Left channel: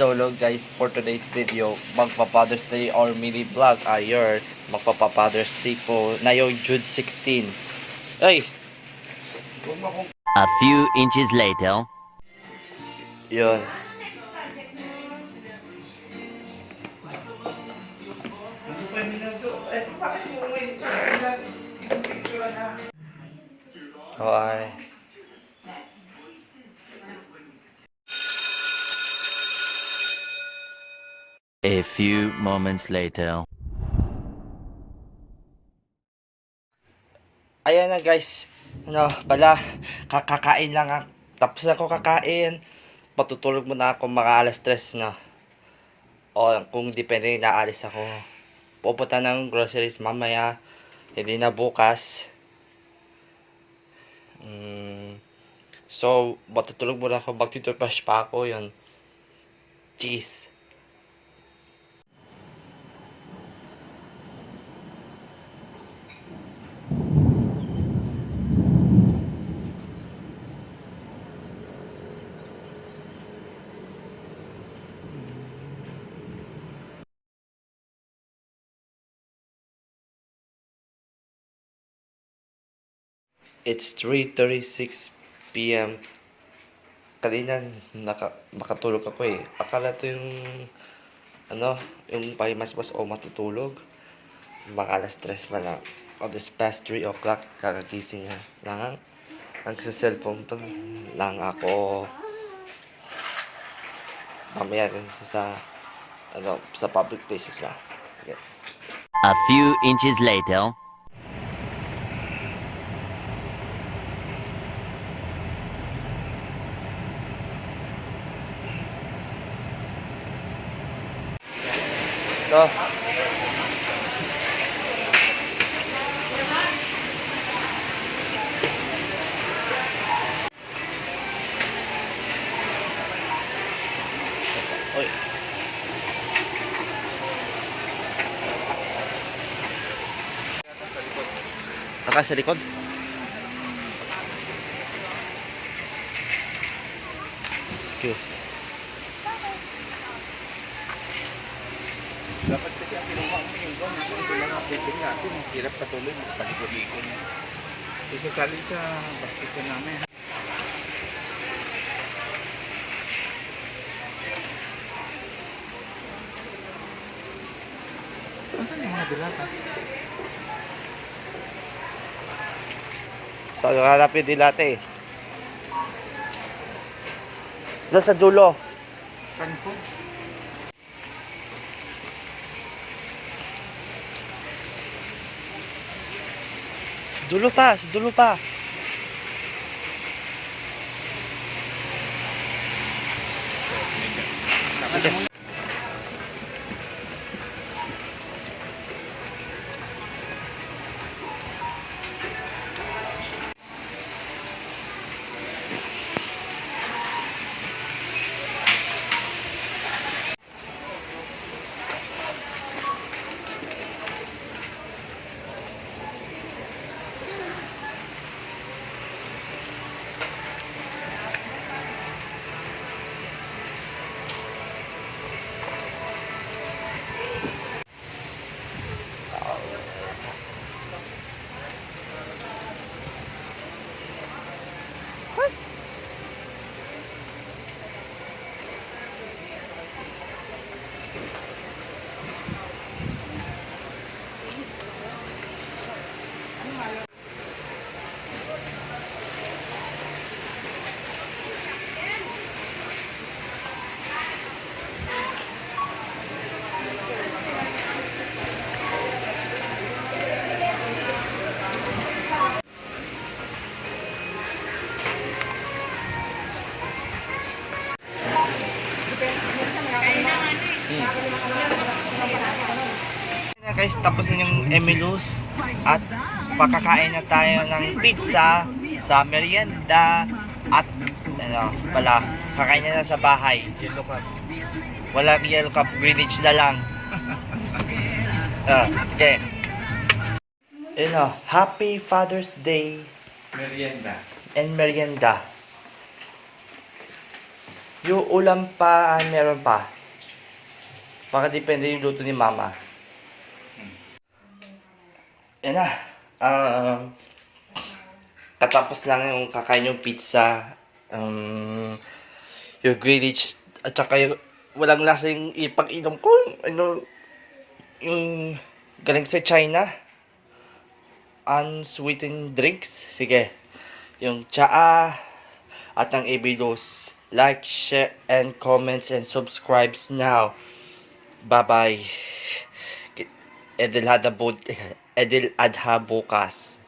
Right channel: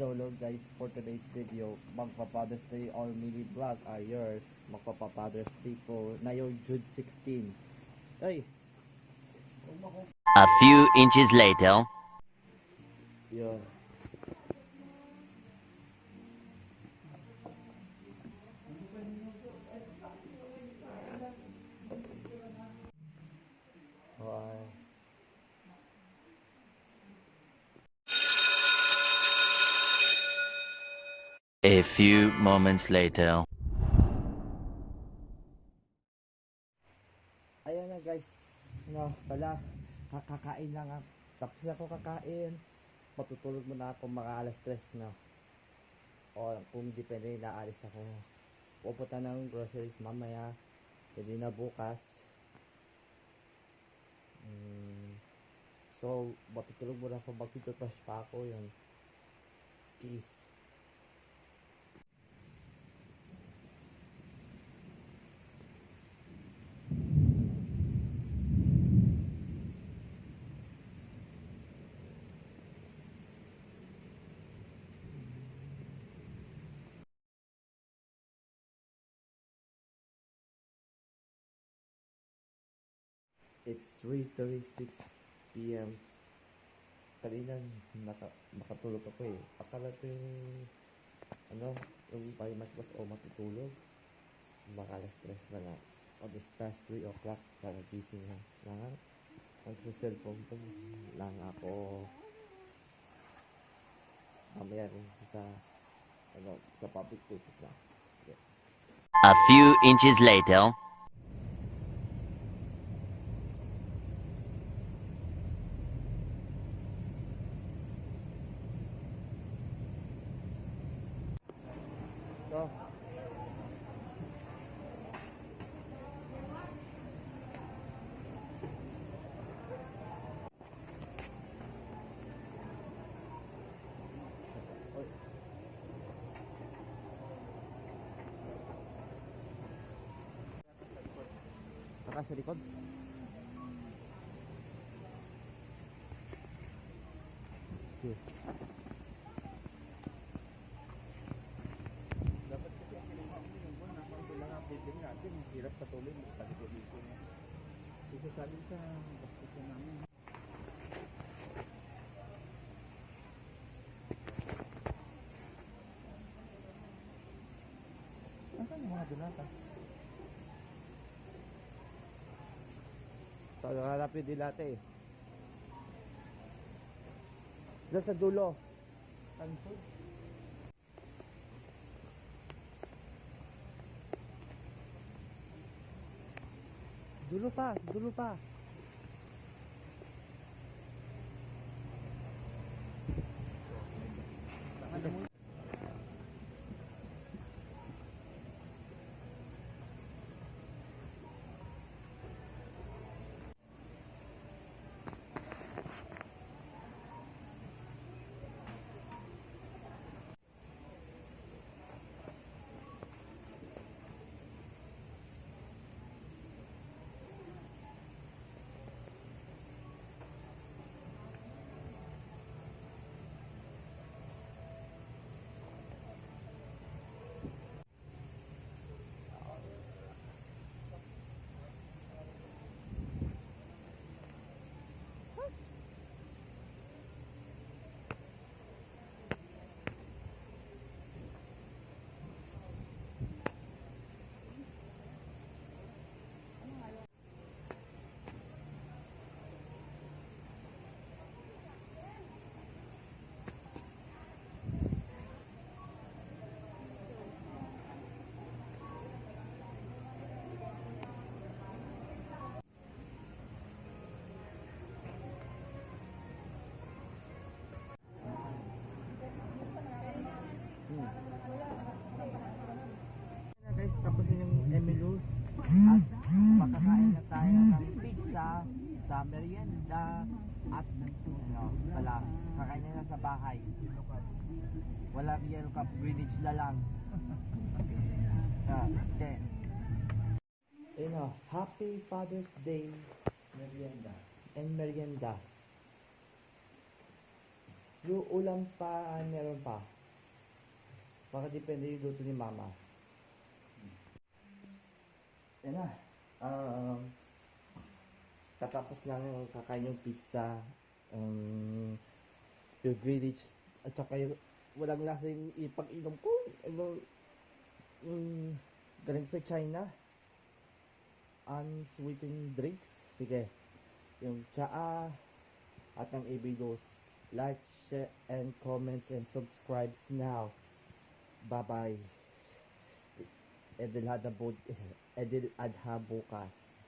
So hello guys, for today's video, magpa-Father's Day or mini vlog ayer, magpa-Father's Day ko na yung June 16. Ay, A few inches later. yun. Okay. A few moments later. Ayan na guys, kakakain lang ako. Tapos na ako kakain, patutulog muna ako mga alas 3 na. O kung depende, naalis ako. Pupunta ng groceries mamaya, hindi na bukas. So, matutulog muna ako, magtitoothbrush pa ako, yun. Cheese. It's 3:36 p.m. Kanina nakatulog ako eh. Akala to yung yung pahimasmas o matutulog. Mga alas 3 pa lang. O this past 3 o'clock kakagising na lang. Nagsa-cellphone pa lang ako. Mamaya sa public places na. Okay. A few inches later. So, oy. Saka sa likod. Excuse. Dapat kasi ang kinuha mo yung gawin. Ito lang ang pwede natin. Hirap patuloy magpalikod-likod. Isasali sa basket ko namin. Saan yung mga dilata? Sa hanapin dilate eh. Diyan sa dulo. Saan po? Sa dulo pa. Sige. Guys, tapos na yung Emilus at pakakain na tayo ng pizza sa merienda at kakain na sa bahay. Yellow card. Walang yellow cup, Greenwich na lang. Okay. Happy Father's Day Merienda. and merienda. Yung ulam pa, meron pa. Baka depende yung luto ni mama. Yan na. Katapos lang yung kakain yung pizza. Yung grillage. At saka yung walang lasa yung ipag-inom ko. Ano, yung galing sa China. Unsweetened drinks. Sige. Yung tsaa at ang ibilos. Like, share, and comments and subscribes now. Bye-bye. Edil Adha bukas.